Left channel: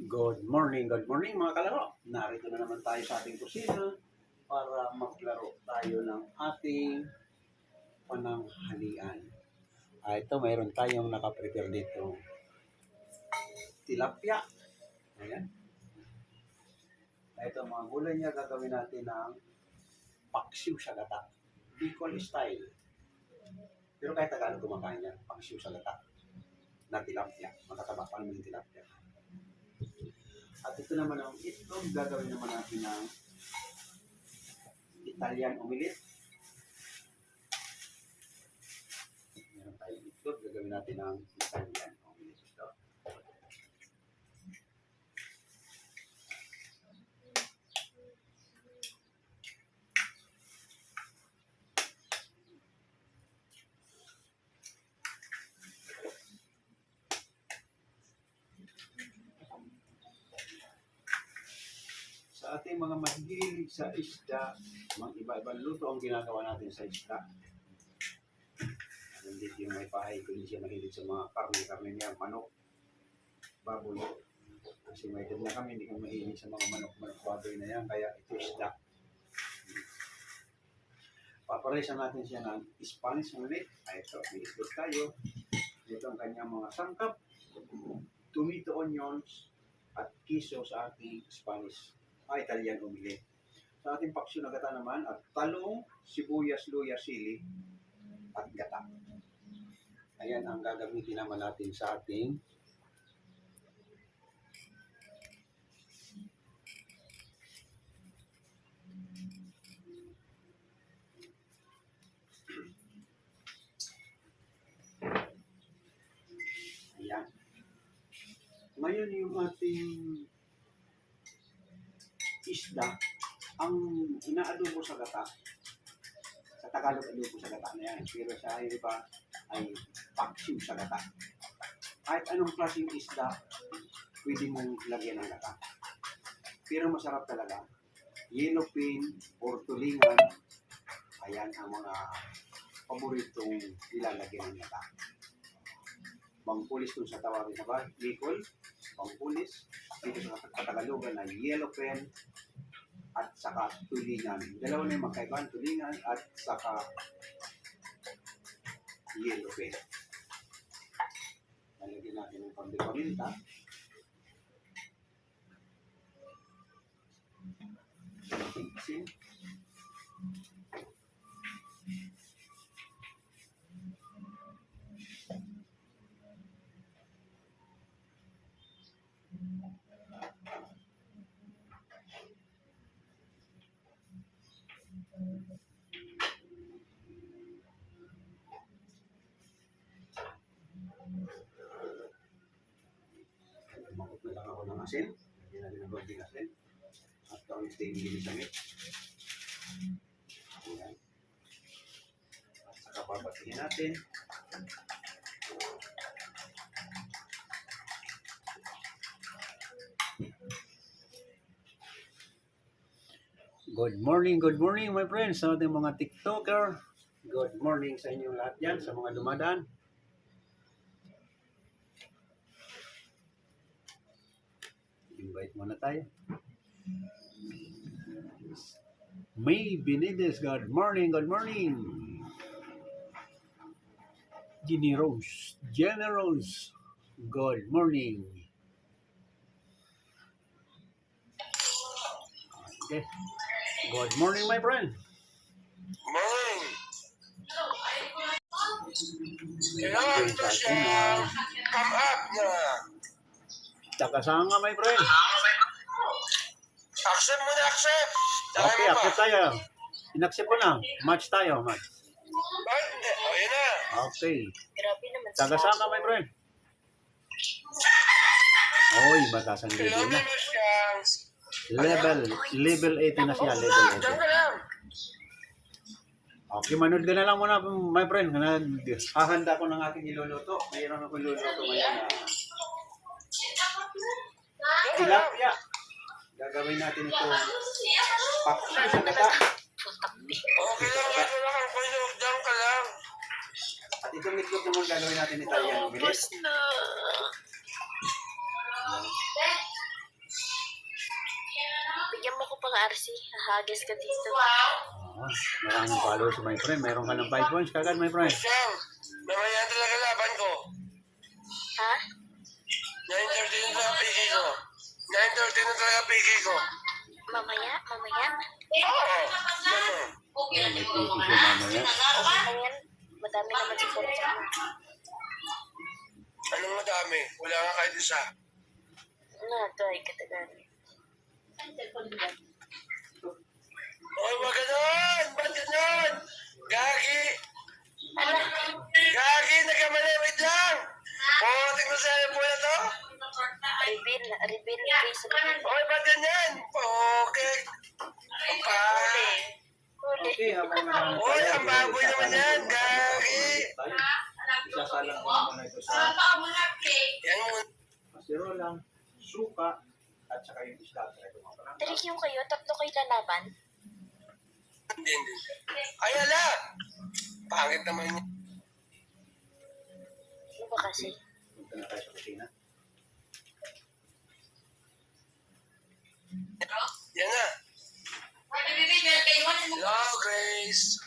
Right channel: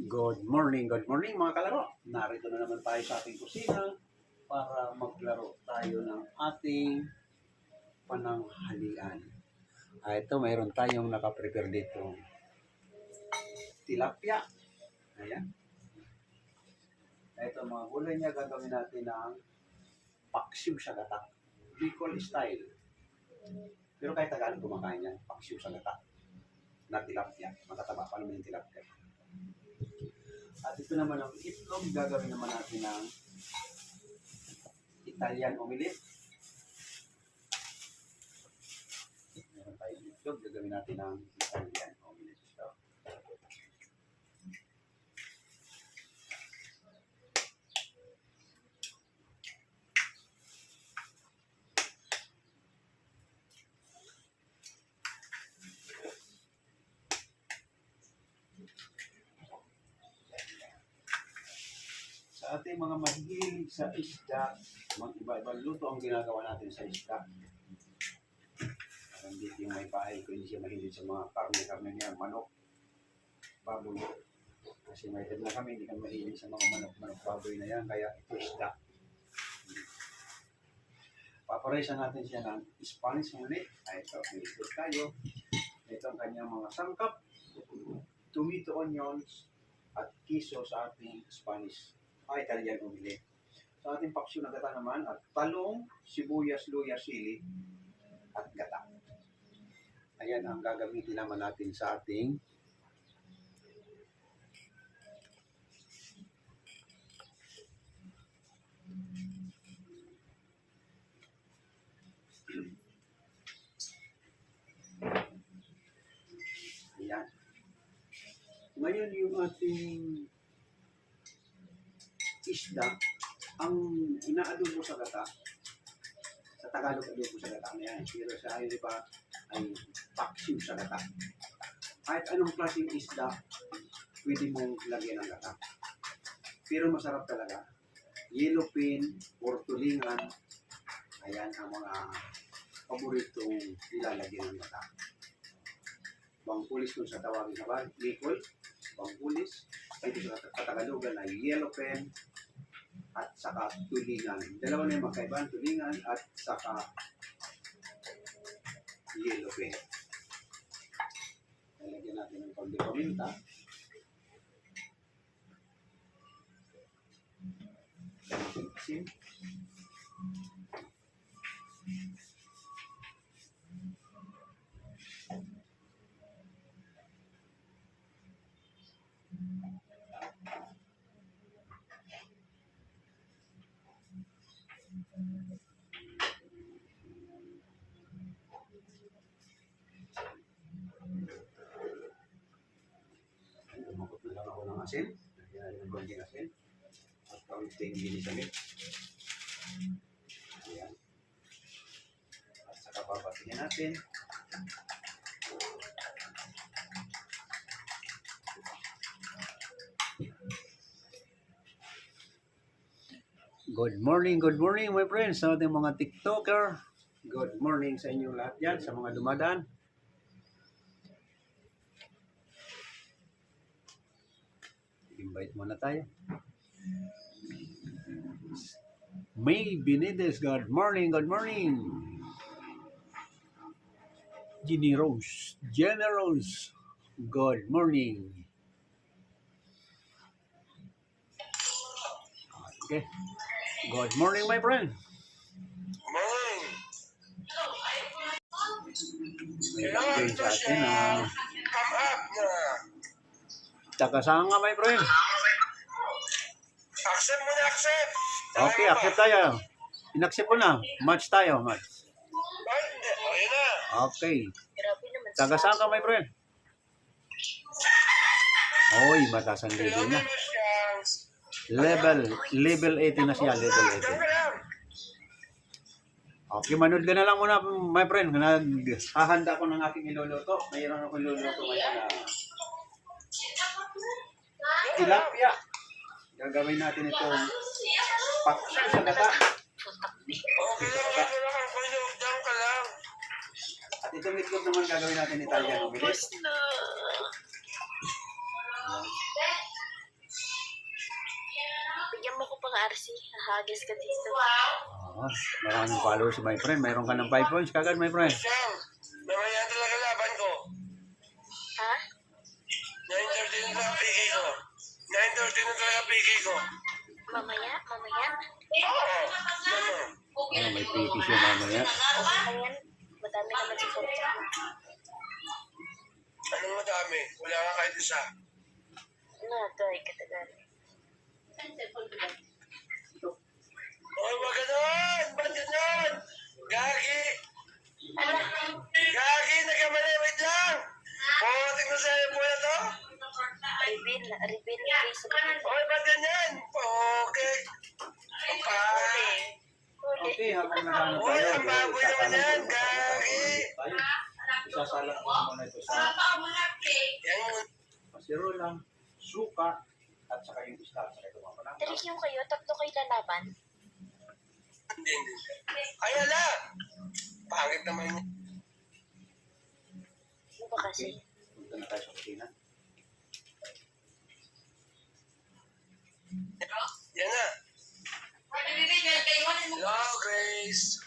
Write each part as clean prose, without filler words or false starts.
Good morning mga kalaro. Narito na naman tayo sa ating kusina para maglaro tayo ng ating pananghalian. Ito, mayroon tayong nakaprepare dito. Tilapia. Ayan. Ito, mga gulay niya, gagawin natin ng paksiw sa gata. Bicol style. Pero kahit Tagalog kumakain yan, paksiw sa gata. Na tilapia. Makataba pa naman yung tilapia. At ito naman ang itlog, gagawin naman natin ng Italian omelette. Meron tayong itlog, gagawin natin ng Italian omelette ito. Sa ating mga mahilig sa isda, mga iba-ibang luto ang ginagawa natin sa isda. Hindi yung may pahay ko, hindi siya mahilig sa mga karne-karne niya, manok, baboy. Kasi may edad na kami, hindi kami mahilig sa mga manok, baboy na yan, kaya ito isda. Paparaisan natin siya ng Spanish muli. Ito, may itlog tayo. Ito ang kanyang mga sangkap, tomato, onions, at kiso sa ating Spanish Italian omelette. Sa ating paksiw na gata naman, at talong, sibuyas, luya, sili, at gata. Ayan ang gagamitin naman natin sa ating ayan. Ngayon yung ating isda, ang inaadobo sa gata, sa Tagalog adobo sa gata na yan, pero sa iba ay paksiw sa gata. Kahit anong klaseng isda, pwede mong lagyan ng gata. Pero masarap talaga. Yellowfin or tulingan, ayan ang mga paboritong ilalagyan ng gata. Bangkulis kung sa tawagin sa Bicol, bangkulis. Dito sa Katagalogan ay yellowfin at saka tulingan. Dalawa na yung magkaibahan, tulingan at saka yellowfin. Lalagyan natin ng konting paminta. Asin. Tumakot na lang ako ng asin. Lagyan natin ng konting asin. At kaunting ginisamit. Ayan. At saka babatihin natin. Good morning my friends, sa ating mga TikToker. Good morning sa inyong lahat yan, sa mga dumadaan. Invite muna tayo. May Benitez, good morning. Jenny Rose, good morning. Okay. Good morning, my friend. Morning. Kailangan ito siya come up na. Takasanga, my friend. Accept mo na, accept. Okay, accept tayo. In-accept ko na. Match tayo, match. Bakit hindi? O, yun na. Okay. Grabe naman Takasanga, my friend. Oy, mataas ang level Kailangan na. mo siya. Level 80 na siya, level 80. Diyan ka lang. Okay, manood ka na lang muna, my friend. Hahanda ko ng aking iluluto. Mayroon akong iluluto ngayon na tilapia. Gagawin natin itong paksiw sa gata. Okay lang, medyo lang ang kayo. Diyan ka lang. At itong itlog naman gagawin natin Italian omelette. Tapos na. Marcy, hahagis ka dito. Maraming followers, my friend. Mayroon ka ng 5 points kagad, my friend. Siyang, mamaya talaga laban ko. Ha? 9:30 na talaga PK ko. 9:30 na talaga PK ko. Mamaya? Oo. May piki siya mamaya. Okay yan. Madami naman si Fortune. Anong madami? Wala nga kahit isa. Try katagan. Oy, wag ganun! Ba't ganun? Gagi! Ala, Gagi! Nagkamali! Wait lang! Pumating ko sa po na to? reveal face. Oy, ba't ganyan? Okay. Pa! Okay, habang nakahanap tayo. Oy, ang baboy naman yan! Gagi! Isasalang ko muna ito sa Yan mo. pasiro lang, suka, at saka yung isda, at saka ito mga palang. Trick yung kayo, tatlo kayo lalaban. Hindi. Ay, ala! Pangit naman yun. Ano ba kasi? Punta na tayo sa kusina. Yan na. Hello, Grace.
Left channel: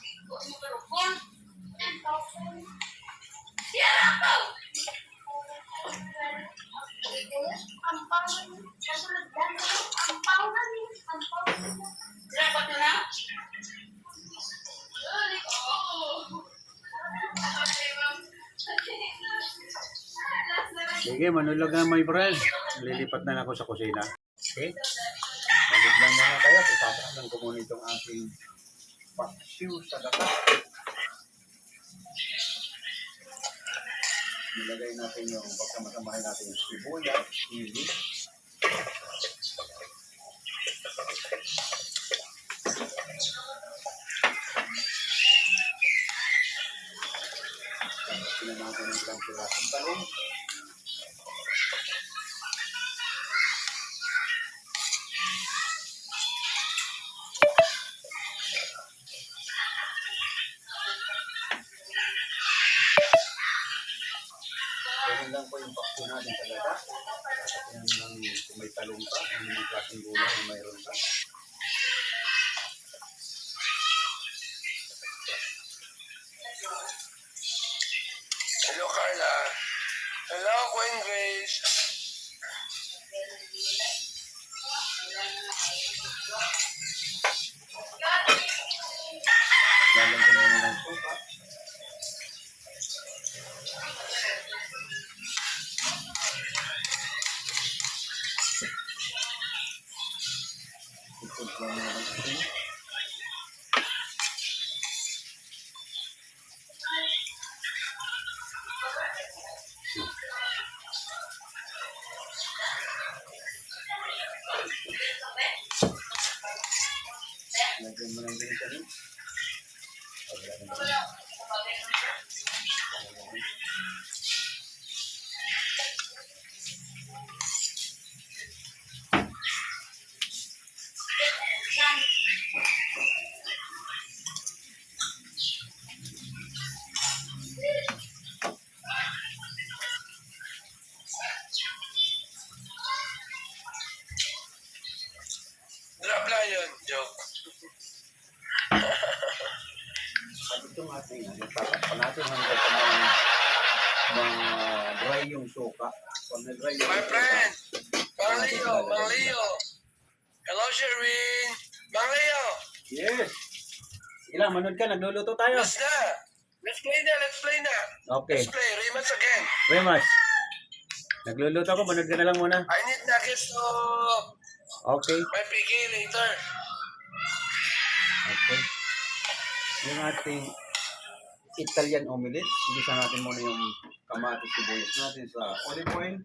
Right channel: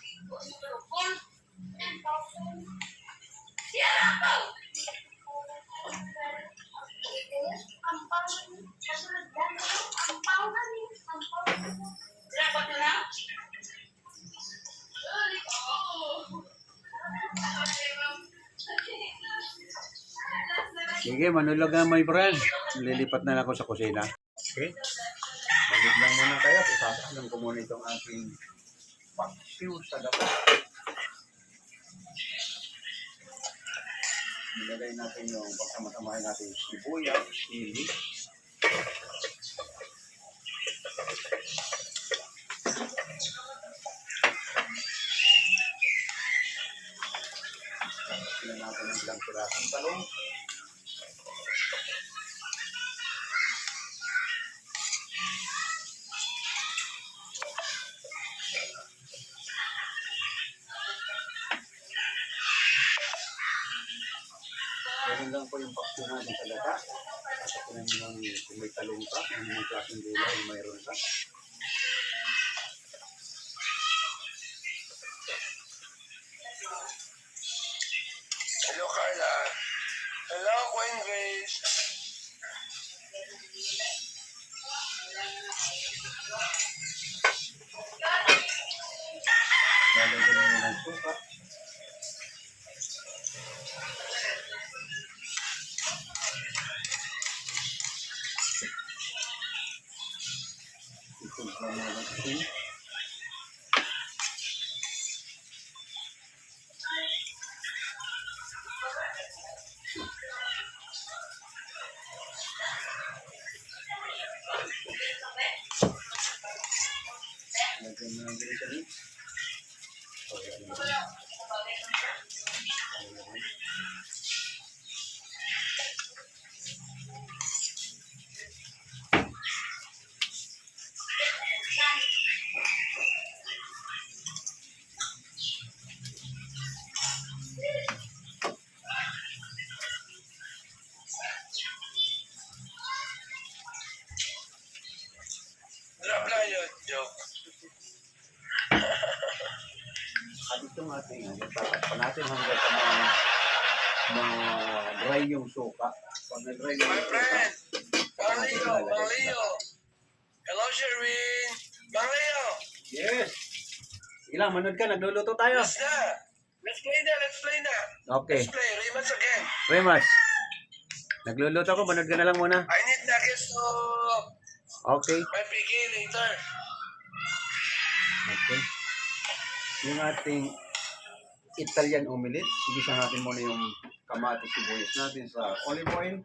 Sige, manulog na my friend. Lilipat na lang ako sa kusina. Okay? Balik lang muna kayo. Isasalang ko muna itong aking paksiw sa gata. Nilagay natin yung pagsamasamahin natin yung sibuyas, sili. Sila natin ng ilang pirasong talong. Ganun lang po yung paksiw natin sa gata. Sasakinan mo lang kung may talong ka, kung may klaseng gulay na mayroon ka. Hello, Carla. Hello, Queen Grace. Lalagyan mo na ng suka. Ipulsa mo ng asin. Lagyan mo ng ganito rin. Drop lang yun, joke. At itong ating, tatakpan natin hanggang sa dry yung suka. Pag na-dry yung My suka, friend, Mang Leo. Hello, Sherwin. Mang Leo. yes! Sige lang, manood ka, nagluluto tayo. Let's na. Let's play na. Okay, Let's play. Rematch again. Remas. Nagluluto ko, manood ka na lang muna. I need nuggets to Okay. my PK later. Okay. Yung ating Italian omelette, igisa natin muna yung kamatis sibuyas natin sa olive oil.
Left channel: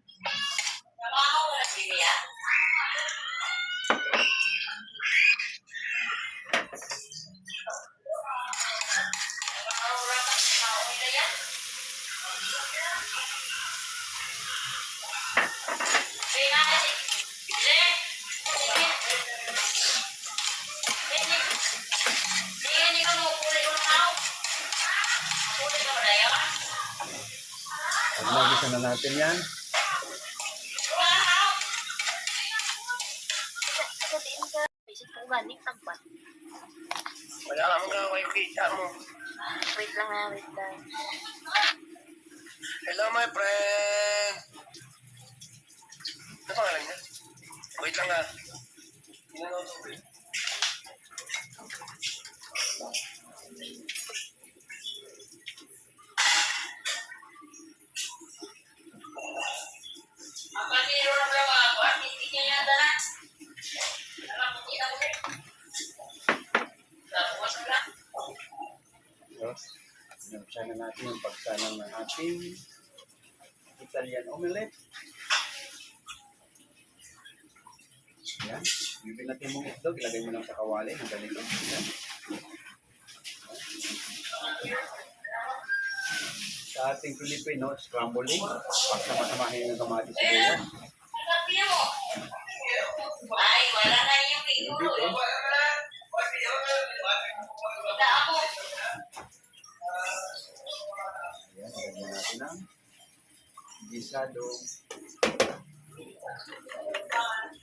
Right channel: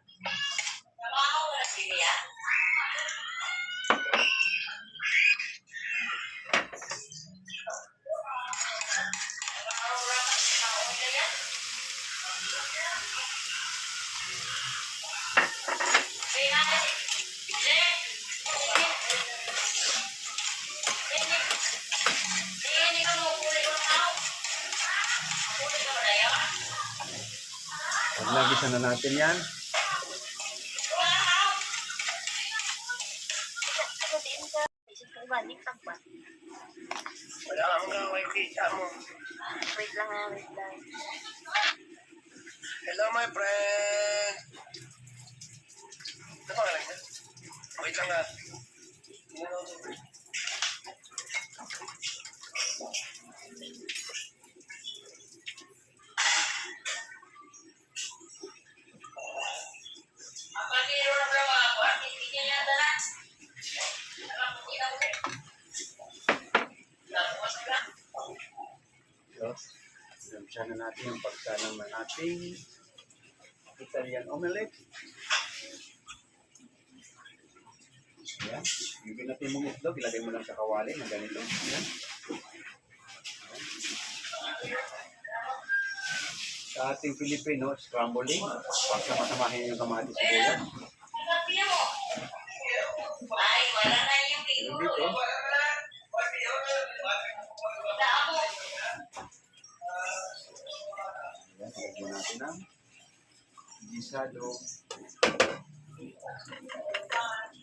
Pag nagisa na natin yan, Ako din ka. Isip ka Kung galing tagpat. Wala kang gaway, kita mo. Wait lang ha, wait lang. Hello, my friend. Ano pangalan niya? Wait lang ha. Tingnan ako tubig. So, inumpisahan na natin yung pagsalang ng ating Italian omelette. Yan. Yung binati mong itlog, ilagay mo lang sa kawali ng ganito. Yan. Sa ating Filipino, scrambling. Pagsamasamahin yung kamatis sibuyas. Pero dito, ayan, ilagyan natin ng gisado.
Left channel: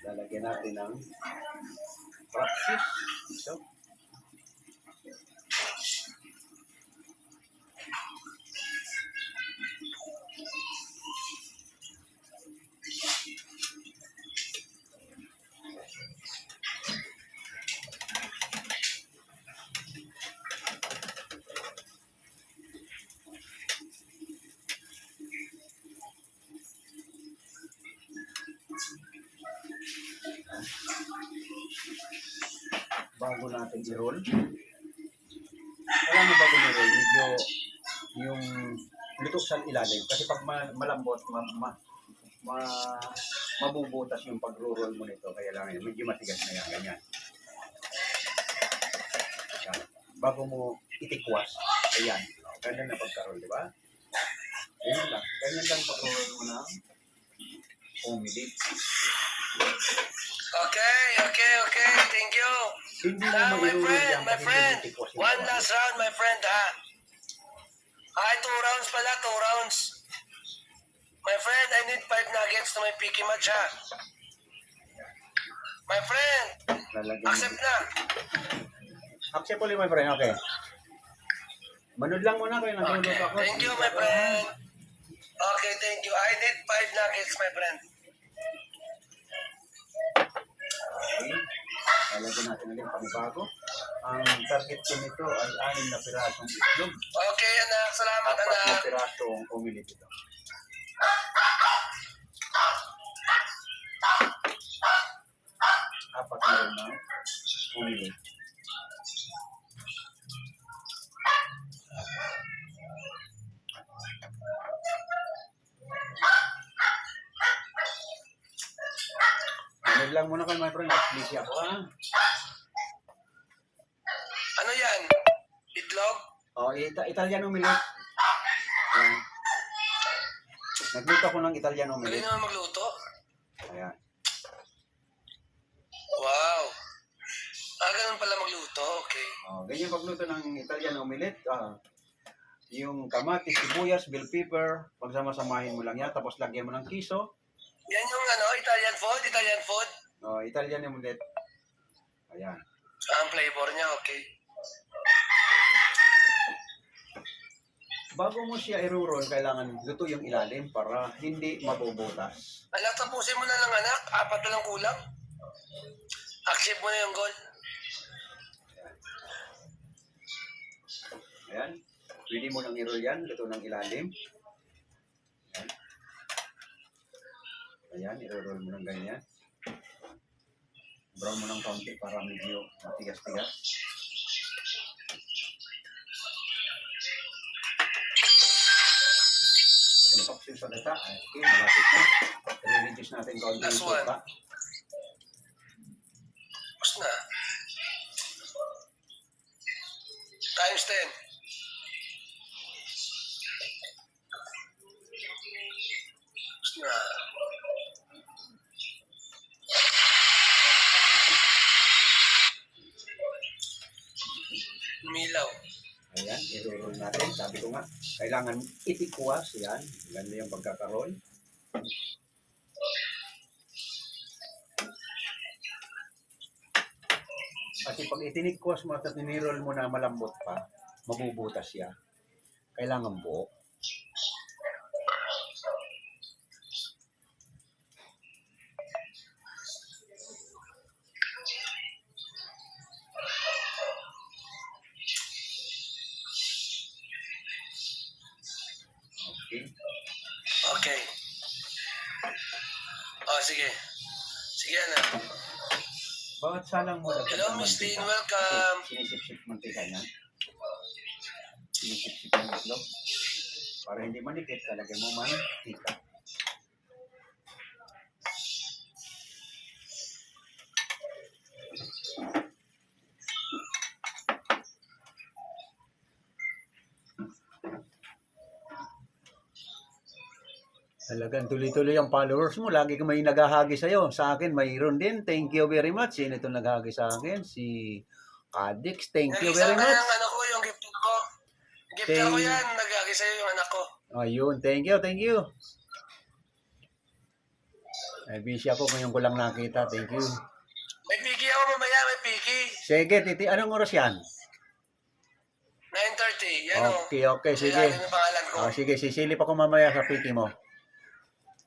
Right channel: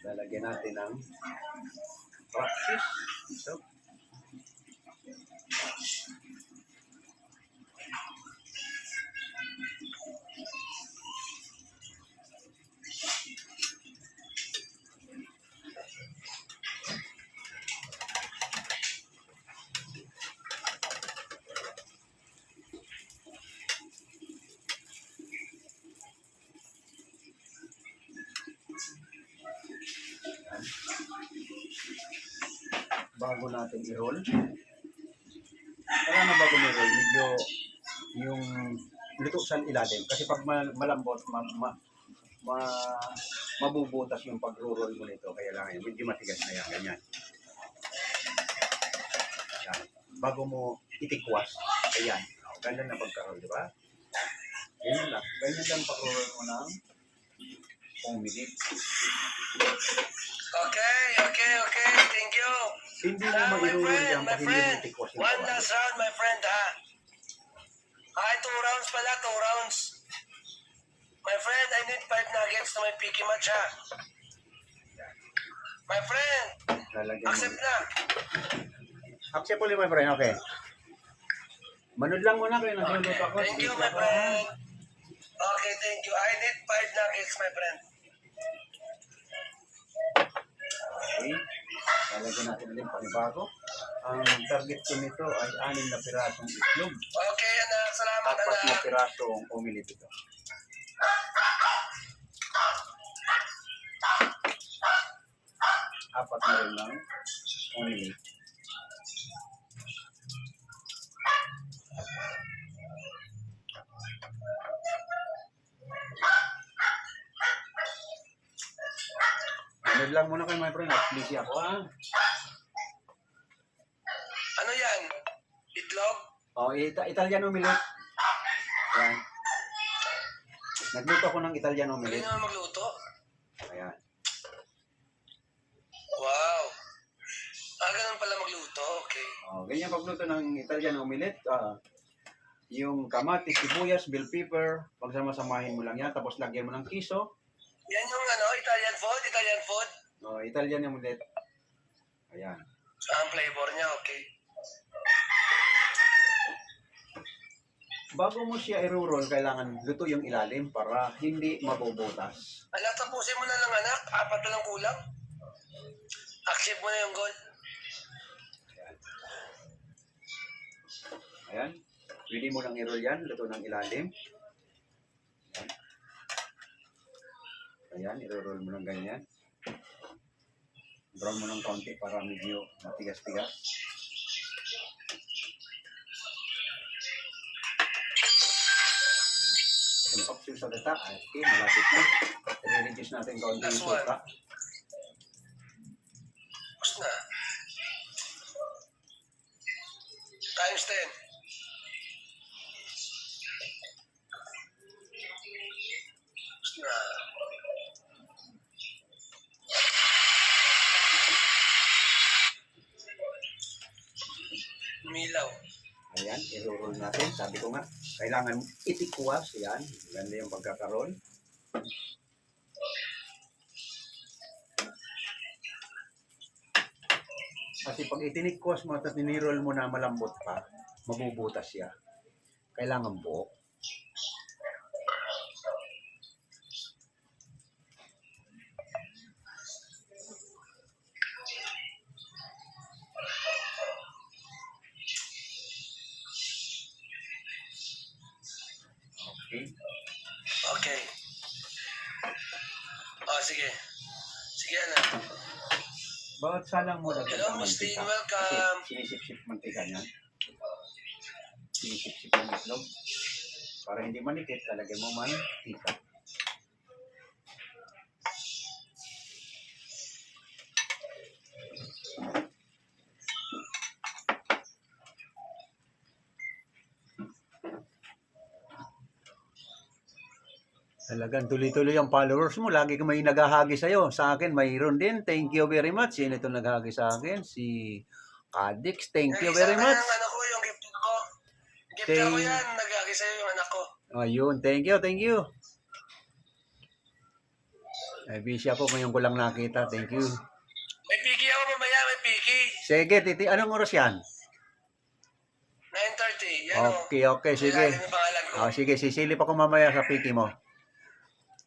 Lalagyan natin ng practice. So, bago natin i-roll. Kaya na bago i-roll, medyo yung luto sa ilalim. Kasi pag malambot, mabubutas yung pag-roll mo nito. Kaya lang yun, medyo matigas na yan, ganyan. Yan. Bago mo itikwas, ayan. Ganyan na pagka-roll, di ba? Ganyan lang. Ganyan lang pag-roll mo ng pumilit. Okay. Thank you. Hindi mo Now, my ma-roll friend, yan my pag hindi mo friend. itikwas yung One kawali. last round, my friend, ha? Ay, 2 rounds pala, 2 rounds. My friend, I need 5 nuggets na may picky match, ha? My friend, Lalagyan mo. accept na. Accept ulit, my friend. Okay. Manood lang muna kayo. Nagluluto Okay, ako. thank you, my friend. Okay, thank you. I need 5 nuggets, my friend. Okay. Lalagyan natin ulit panibago. Ang target ko nito ay 6 na pirasong itlog. Okay, anak. Salamat, 4 na anak. pirasong umilit ito. Apat na rin ng umilit. Manood lang muna kayo, my friend. At please ako, ha? Ano yan? Itlog? Oh, Italian omelette. Ayan. Nagluto ako ng Italian Galing omelette. naman magluto. Ayan. Wow. Ganun pala magluto. Okay. Oh, ganyan pagluto ng Italian omelette. Yung kamatis, sibuyas, bell pepper, pagsama-samahin mo lang yan. Tapos lagyan mo ng kiso. Yan yung ano, Italian food? Italian food? Oh, Italian omelette. Ayan. Ang flavor niya, okay. Bago mo siya i-roll, kailangan luto yung ilalim para hindi mabubutas. Anak, tapusin mo na lang, anak. 4 na lang kulang. Accept mo na yung goal. Ayan. Pwede mo nang i-roll yan, luto ng ilalim. Ayan. Ayan, i-roll mo ng ganyan. Brown mo ng kaunti para medyo matigas-tigas. Yung paksiw sa gata, okay, malapit na. I-reduce natin kaunti yung Last one. suka. Tapos na. Times 10. Tapos na. Milaw. Ayan, i-roll natin. Sabi ko nga, kailangan itikwas. Yan, ganda yung pagkakaroll. Kasi pag itinikwas mo at ninirol mo na malambot pa, mabubutas siya. Kailangan buo. Okay. Okay. Oh, sige. Sige na. Bakit salang mo dagdag Hello, ang Mustin. mantika? Welcome. Kasi sinisip-sip mantika niya. Sinisip-sip yung itlog. Para hindi manikit, talagyan mo mantika. Talagang tuloy-tuloy ang followers mo. Lagi ka may naghahagi sa'yo. Sa akin, mayroon din. Thank you very much. Sino itong naghahagi sa akin? Si Kadix. Thank you very much. Yung anak ko, yung gifter ko. Gifter ko yan. Nagagi sa'yo yung anak ko. Ayun. Thank you. Thank you. Ay, busy ako. Ngayon ko lang nakita. Thank you. May piki ako mamaya. May piki. Sige, Titi. Anong oras yan? 9:30. Yan o. Okay. Sige. Ilalim yung pangalan ko. Sige, sisilip ako mamaya sa piki mo.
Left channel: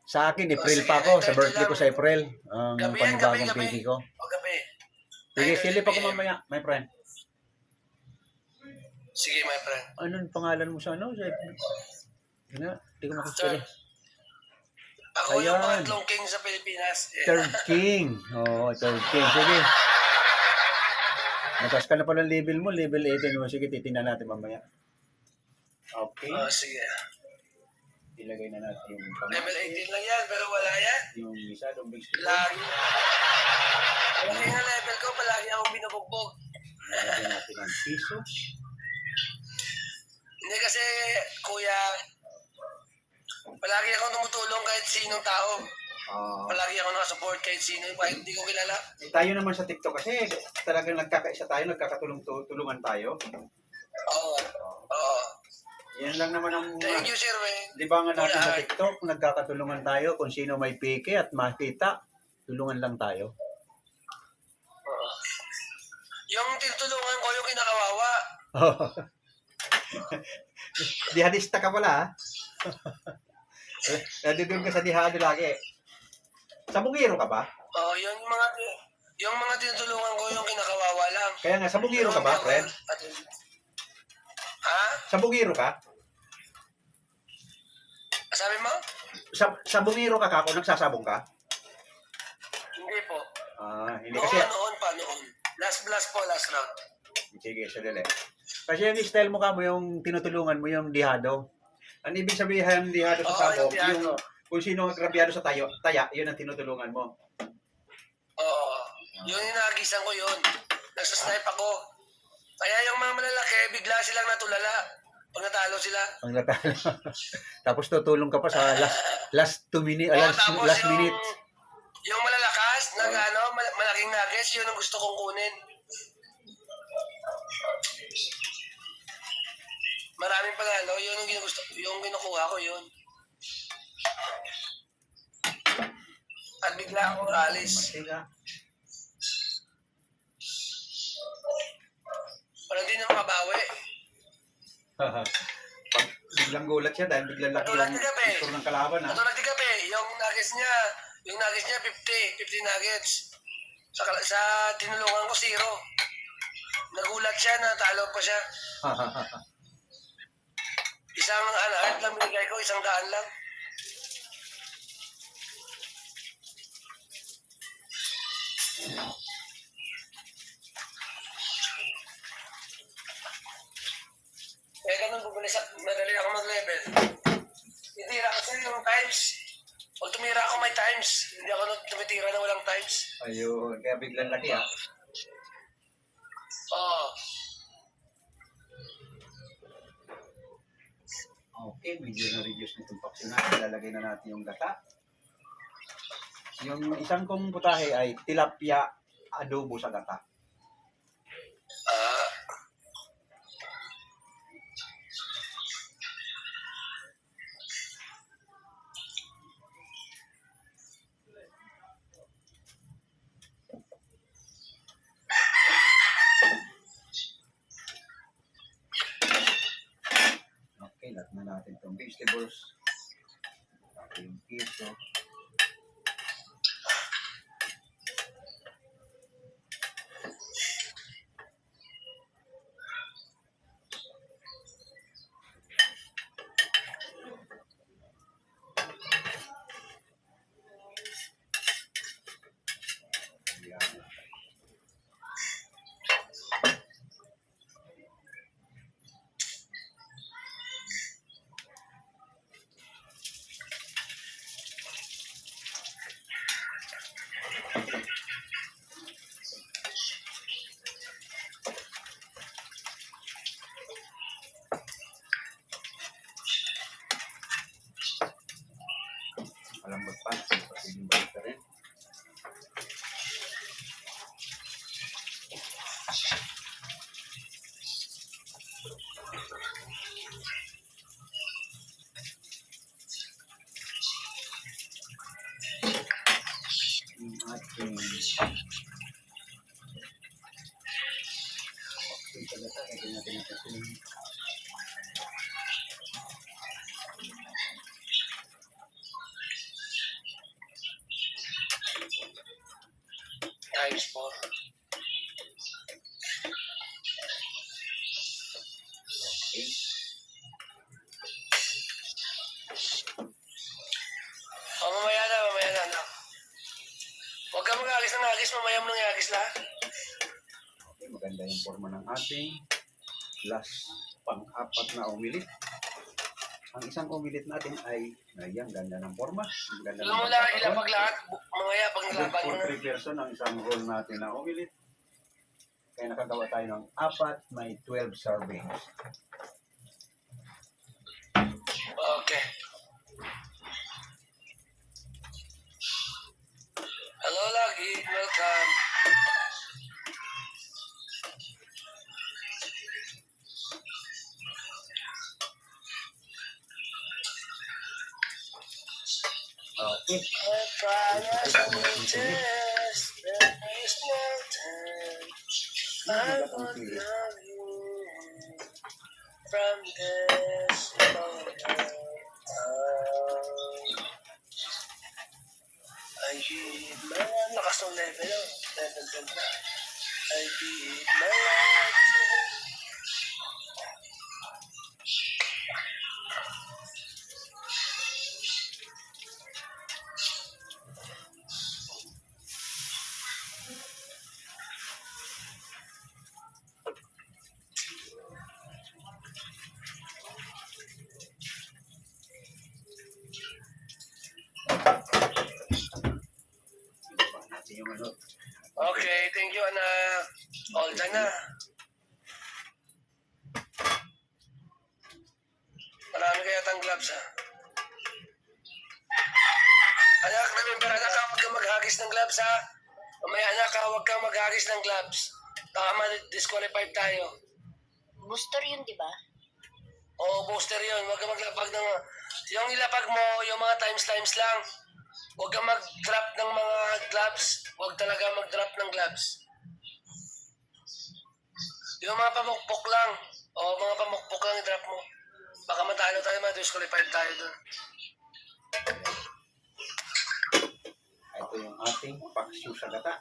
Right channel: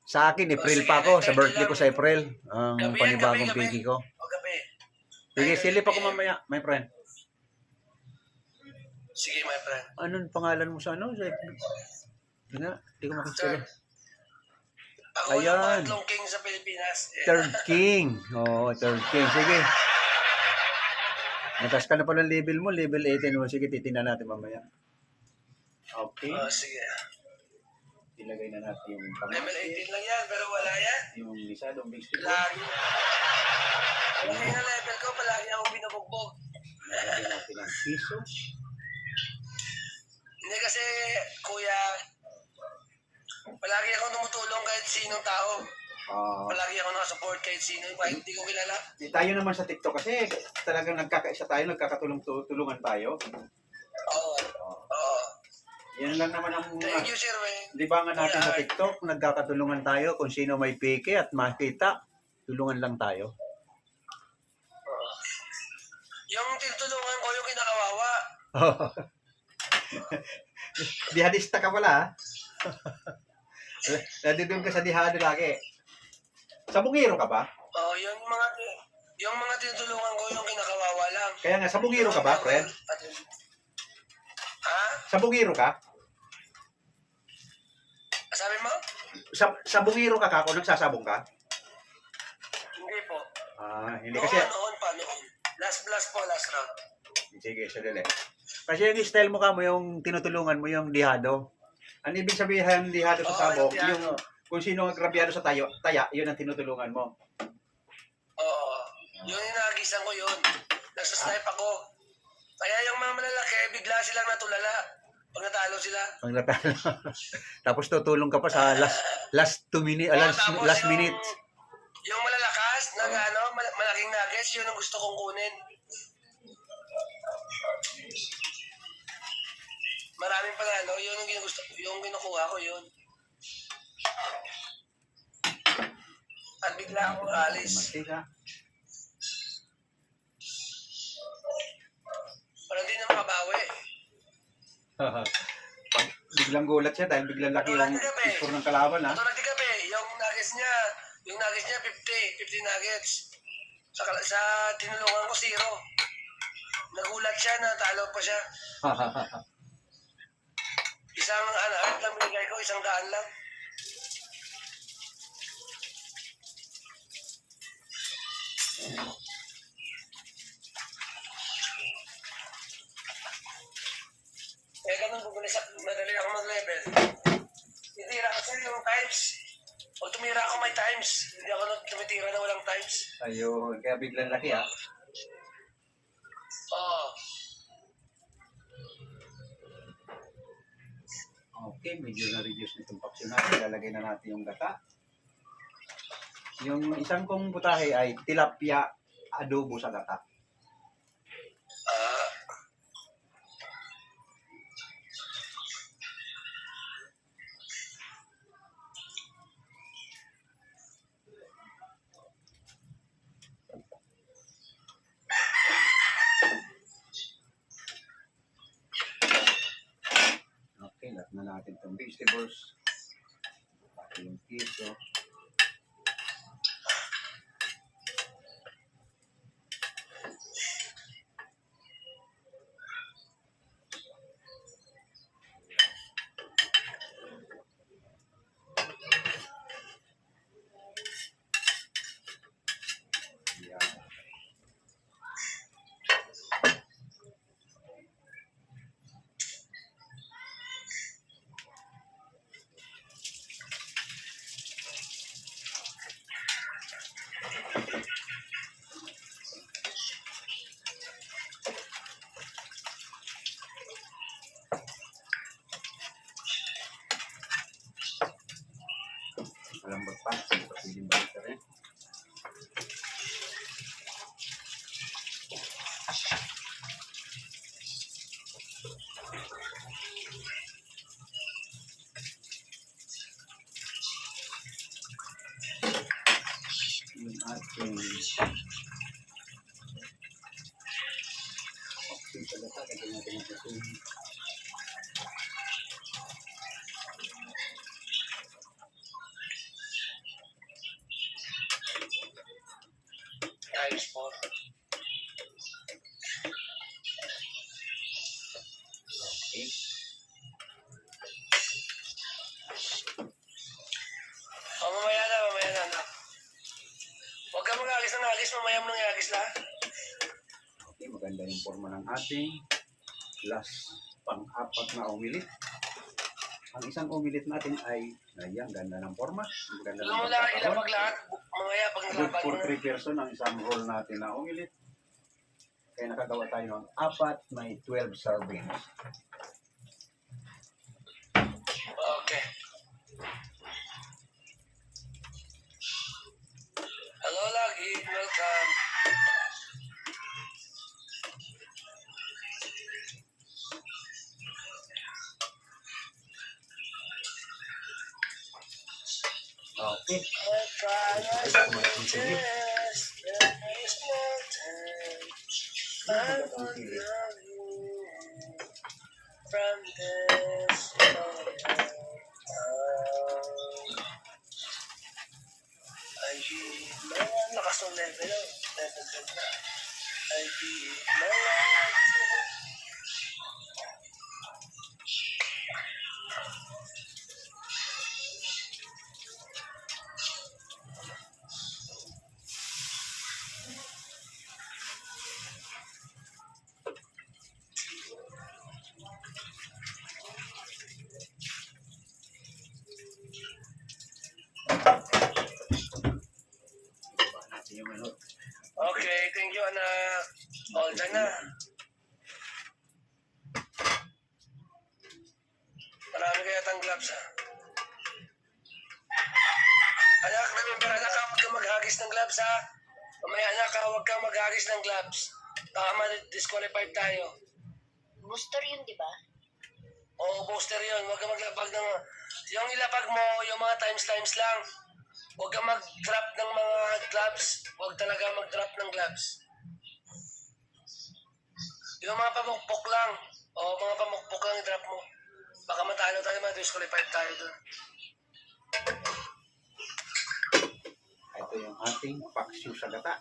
Sa akin, April sige, pa ako. Sa 9:30 birthday ko lang. sa April. Ang Gabi yan, panibagong gabi. piki ko. O gabi. Sige, 9:30 silip ako PM. mamaya, my friend. Sige, my friend. Anong pangalan mo sa ano? Hindi nga, hindi ko makikita. Sir. Ako yung Ayan. pangatlong king sa Pilipinas. Third King. Oo, Third King. Sige. Natas ka na pala ang level mo, level 18 mo. Sige, titingnan natin mamaya. Okay. Oh, sige. Ilagay na natin yung Level 18 lang yan, pero wala yan. yung isa, dumbing stick. Lagi. Lagi na level ko, palagi akong binubugbog. Ilagay natin ang piso. Hindi kasi, kuya, palagi akong tumutulong kahit sinong tao. Palagi ako nakasupport kahit sino, kahit hindi ko kilala. Tayo naman sa TikTok kasi talagang nagkakaisa tayo, nagkakatulungan tayo. Oo. Oo. Yan lang naman ang Thank you, Sir Wayne. libangan natin sa Wala. TikTok. Nagkakatulungan tayo kung sino may peke at makita. Tulungan lang tayo. Oo. Yung tinutulungan ko, yung kinakawawa. Dihadista ka pala, ha? Nandun ka sa dihado lagi. Sa bungiro ka ba? Oo, yung mga tinutulungan ko, yung kinakawawa lang. Kaya nga, sa bungiro ka ba, friend? Ha? Sa bungiro ka? Sabi mo? Sa bungiro ka kako, nagsasabong ka? Hindi po. Hindi kasi... Noon. Last round. Sige, sadali. Kasi yung style mo ka mo, yung tinutulungan mo, yung dihado. Ang ibig sabihin ng dihado sa Oo, sabong, yung dihado. yung kung sino ang grabyado sa taya, yun ang tinutulungan mo. Oo. Yung inagisan ko yun. Nagsasnipe ako. Kaya yung mga malalaki, bigla silang natulala. Pag natalo sila. Ang natalo. Tapos tutulong ka pa sa last 2 minutes, Tapos last yung- minute. Yung malalakas, malaking nuggets, yun ang gusto kong kunin. Maraming panalo, yun ang ginugusto, yung kinukuha ko yun. At bigla akong alis. Mantika. Parang di na makabawi. Pag biglang gulat siya dahil biglang laki Tulad yung ni Gabi. score ng kalaban, ha? Katulad ni Gabi, yung nuggets niya 50 nuggets. Sa tinulungan ko, 0. Nagulat siya, natalo pa siya. Isang art lang binigay ko, 100 lang. Eh, ganun, madali ako mag-level. Titira kasi yung times. Pag tumira ako may times. Hindi ako tumitira na walang times. Ayun, kaya biglang laki, ha? Oo. Okay, medyo na-reduce na itong paksiw natin. Lalagay na natin yung gata. Yung isang kong putahe ay tilapia adobo sa gata. Ah. natin itong vegetables. Ito yung keso. Yan. Malambot pa. Pwedeng balik ka rin. Yung ating okay talaga. Kaya natin ang ating Times 4. okay. Mamaya na, anak. Huwag ka mag-agis ng agis, mamaya mo nang i-agis lahat. Okay, maganda yung forma ng ating last pang-apat na omelet. Ang isang omelet natin ay, ayan, ganda ng forma. Ang ganda Alam ng mo lang, pagkakaroon. ilapag lahat. Mamaya, pag Good nilaban mo for na. 3 person ang isang roll natin na omelet. Kaya nakagawa tayo ng 4, may 12 servings. Okay. Hello, lagi. Welcome. Okay. I try not to test, there is no time. I won't love you from this moment on. I give my lakas ng level, oh. Level 12 na. I give my life to you. Ibaba natin yung ano. Okay, thank you, anak. All done na. Marami kaya tang gloves, ha? Anak, remember, anak, huwag kang maghagis ng gloves, ha? Mamaya, anak, huwag kang maghagis ng gloves. Baka ma-disqualified tayo. Booster yun, di ba? Oo, booster yun. Huwag kang maglapag ng... Yung ilapag mo, yung mga times lang. Huwag kang mag-drop ng mga gloves. Huwag talaga mag-drop ng gloves. Yung mga pamukpok lang. O, mga pamukpok lang i-drop mo. Baka matalo tayo, ma-disqualified tayo doon. Ito yung ating paksiw sa gata.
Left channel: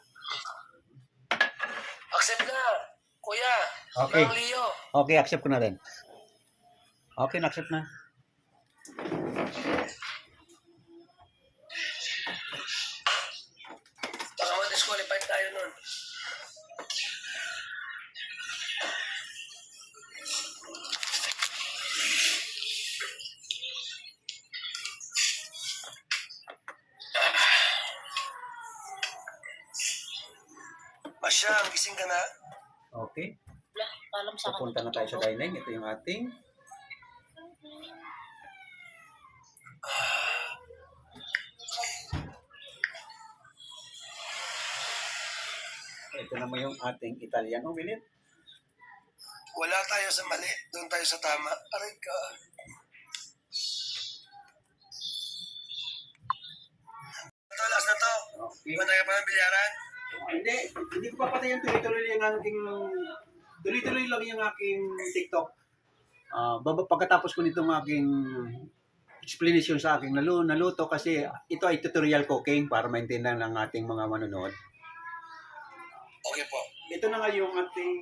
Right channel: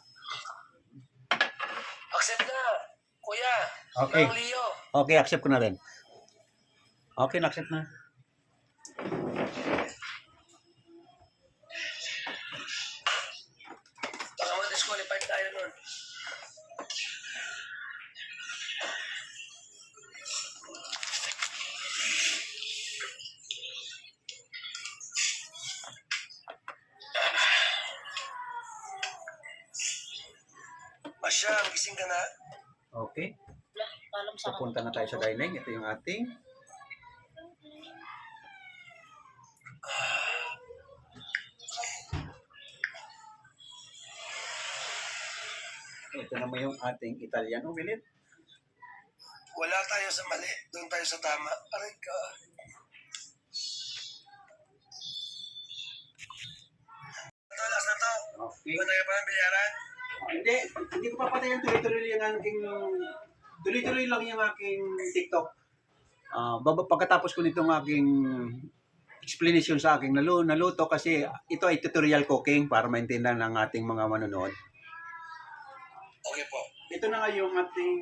Accept na, kuya. Okay. Mang Leo. Okay, accept ko na rin. Okay, na-accept na. Baka ma-disqualified tayo nun. Masyang, gising ka na? Okay. Wala, alam sa akin. Pupunta na tayo sa dining. Ito yung ating ito naman yung ating Italian omelet. Wala tayo sa mali. Doon tayo sa tama. Aray ka. Ito, last na to. Okay. Ba tayo pa ng bilyaran? Hindi ko papatayan tuloy-tuloy yung aking tuloy-tuloy lang yung aking TikTok. Pagkatapos ko nitong aking explanation sa aking naluto kasi ito ay tutorial cooking para maintindihan ng ating mga manonood. Okay po. Ito na nga yung ating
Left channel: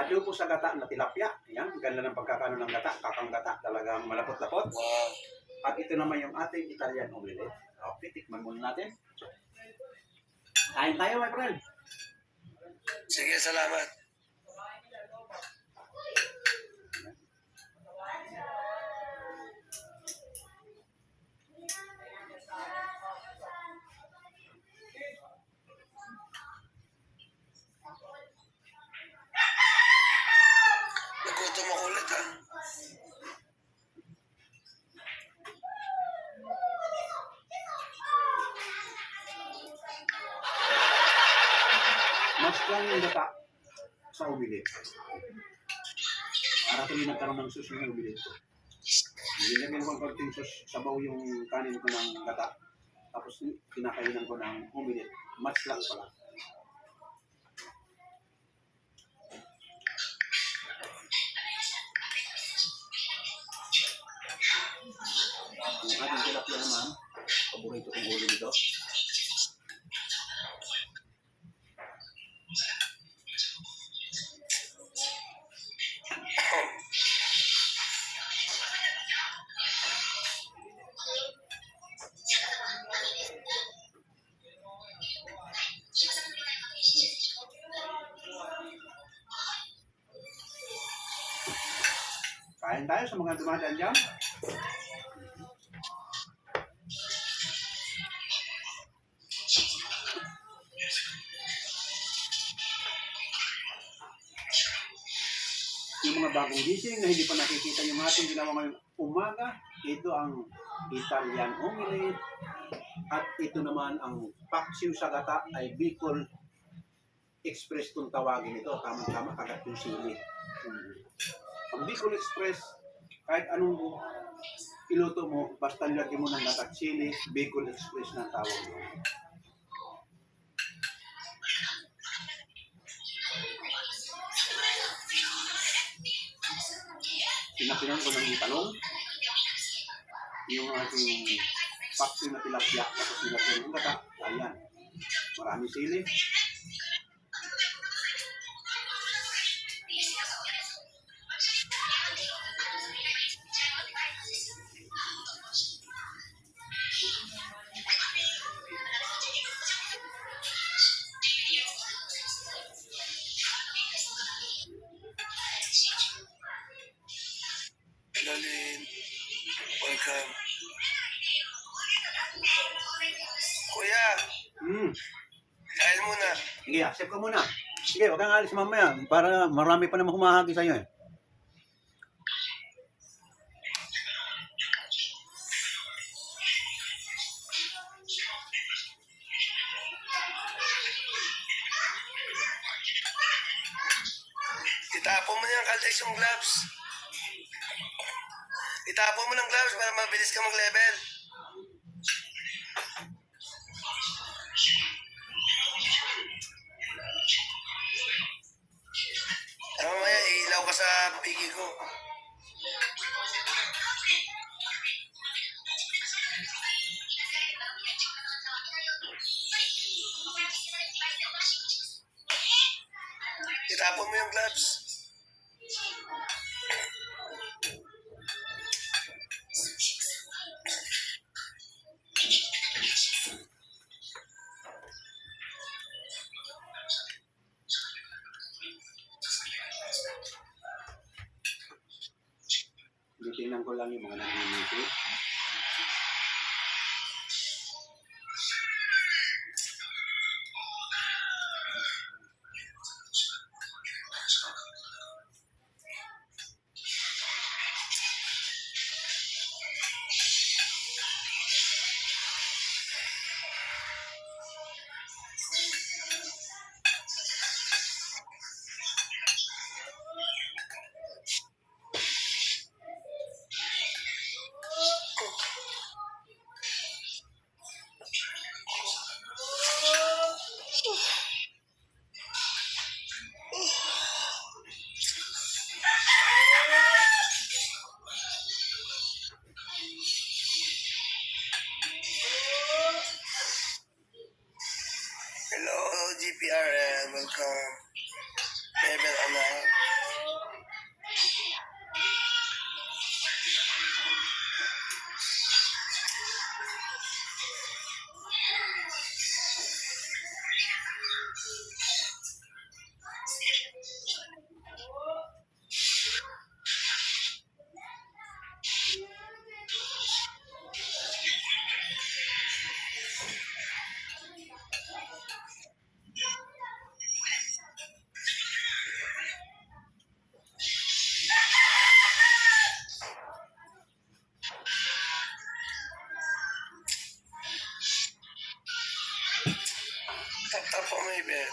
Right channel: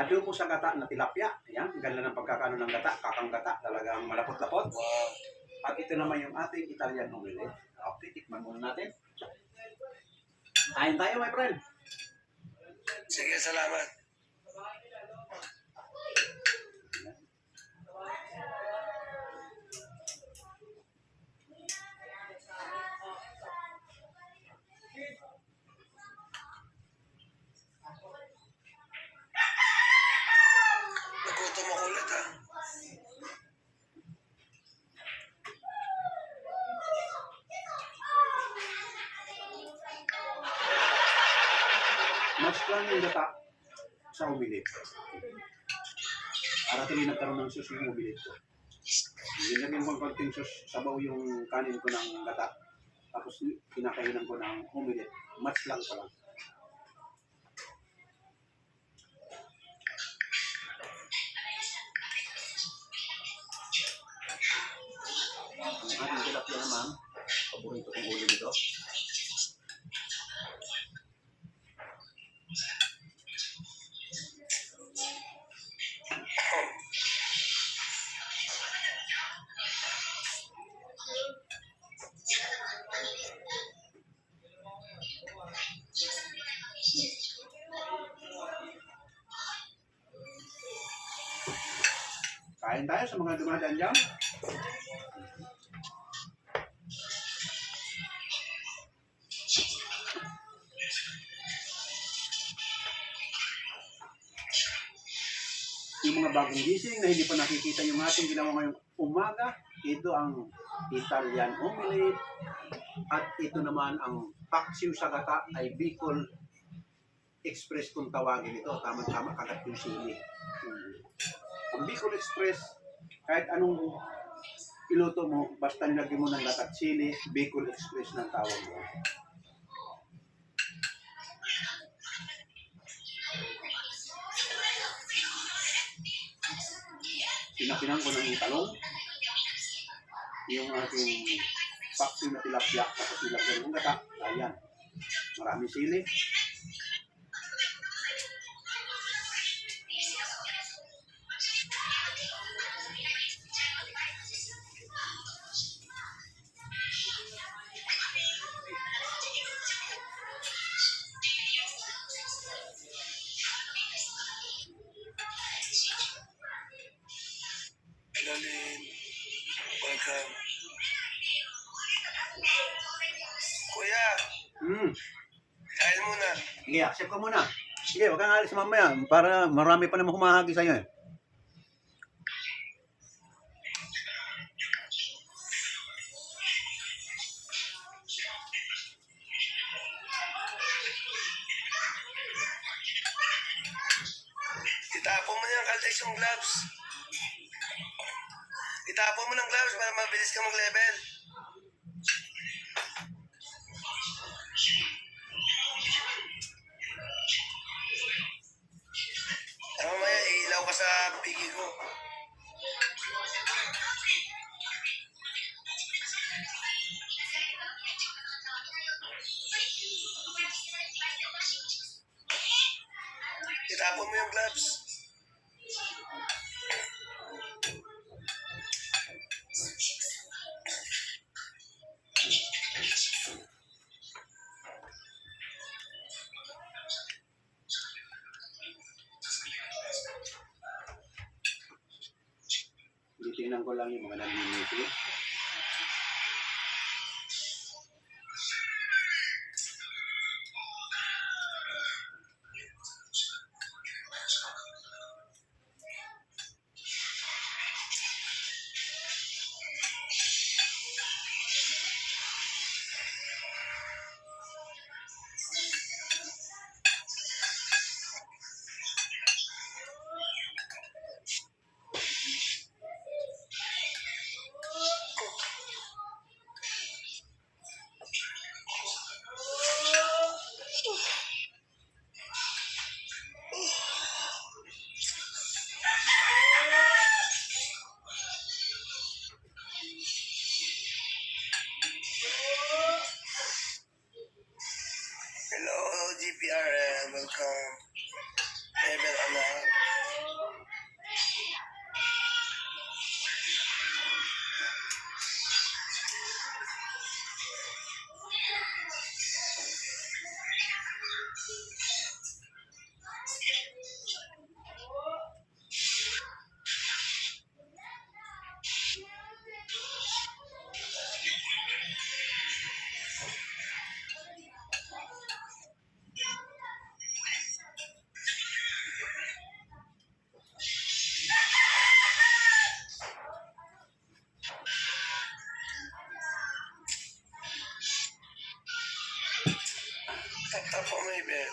adobo sa gata na tilapia. Ayan, ganda ng pagkakano ng gata, kakang gata, talagang malapot-lapot. Wow. At ito naman yung ating Italian omelette. Okay, tikman muna natin. Kain tayo, my friend. Sige, salamat. Nagutom ako ulit ha. Mas lang yung gata sa omelette. Para tuloy nagkaroon ng sauce yung omelette ko. Nilagyan ko ng konting sauce, sabaw yung kanin ko ng gata. Tapos kinakainan ko ng omelette. Match lang pala. Yung ating tilapia naman, paborito kong ulo nito. Kain tayo sa mga dumadaan dyan. Yung mga bagong gising na hindi pa nakikita yung ating ginawa ngayong umaga, ito ang Italian omelette at ito naman ang paksiw sa gata ay Bicol Express kung tawagin ito. Tama-tama kagat yung sili. Ang Bicol Express, kahit anong iluto mo, basta nilagyan mo ng gata at sili, Bicol Express na tawag mo. Pinapinan ko ng talong, yung ating paksiw na tilapia, tapos nilagyan ng gata, ayan, maraming sili. Lalin. Welcome. Kuya, kain muna. Sige, accept ko muna. Sige, wag kang alis mamaya para marami pa naman humahagi sa'yo eh. Itapon mo yung Caltex yung gloves. Itapon mo ng gloves para mabilis ka mag-level. Mamaya, ilaw ka sa pigi ko. Itapon mo yung gloves. Titingnan ko lang yung mga nanginisi. CPR and welcome Bebel Anak. Tap po may Ben.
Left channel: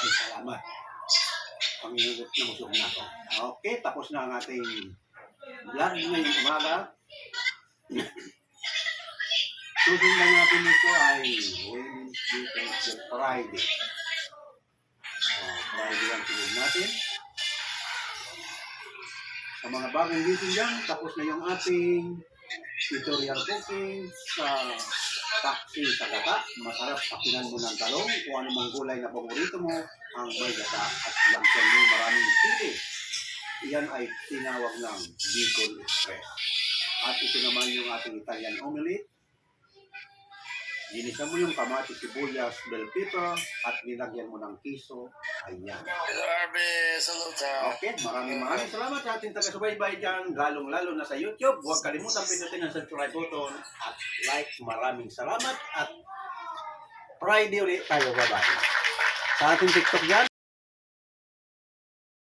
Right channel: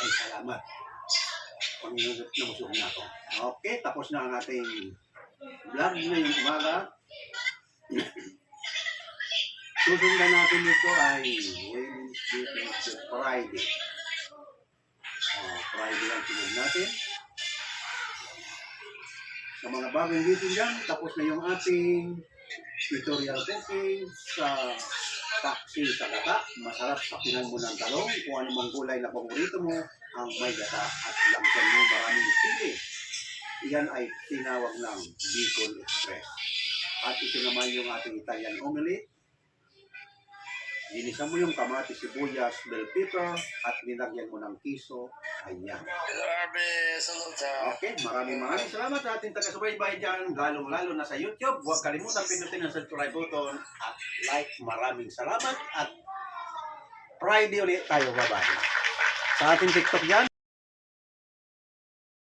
Ay, salamat. Panginoon na busog na ako. Okay, tapos na ang ating vlog ngayong umaga. Susundan natin ito ay Wednesday, Thursday, Friday. Friday ang sunod natin. Sa mga bagong gising dyan, tapos na yung ating tutorial cooking sa taxi sa gata. Masarap sakinan mo ng talong. Kung ano mang gulay na paborito mo, ang may gata at lagyan mo maraming sili. Iyan ay tinawag ng Bicol Express. At ito naman yung ating Italian omelette. Ginisa mo yung kamatis, sibuyas, bell pepper, at nilagyan mo ng kiso. Ayan. Hello Arbe, saluta. Okay, maraming salamat sa ating taga-subaybay dyan, lalong-lalo na sa YouTube. Huwag kalimutan pindutin ang subscribe button at like. Maraming salamat at Friday ulit tayo. Bye-bye. Sa ating TikTok dyan,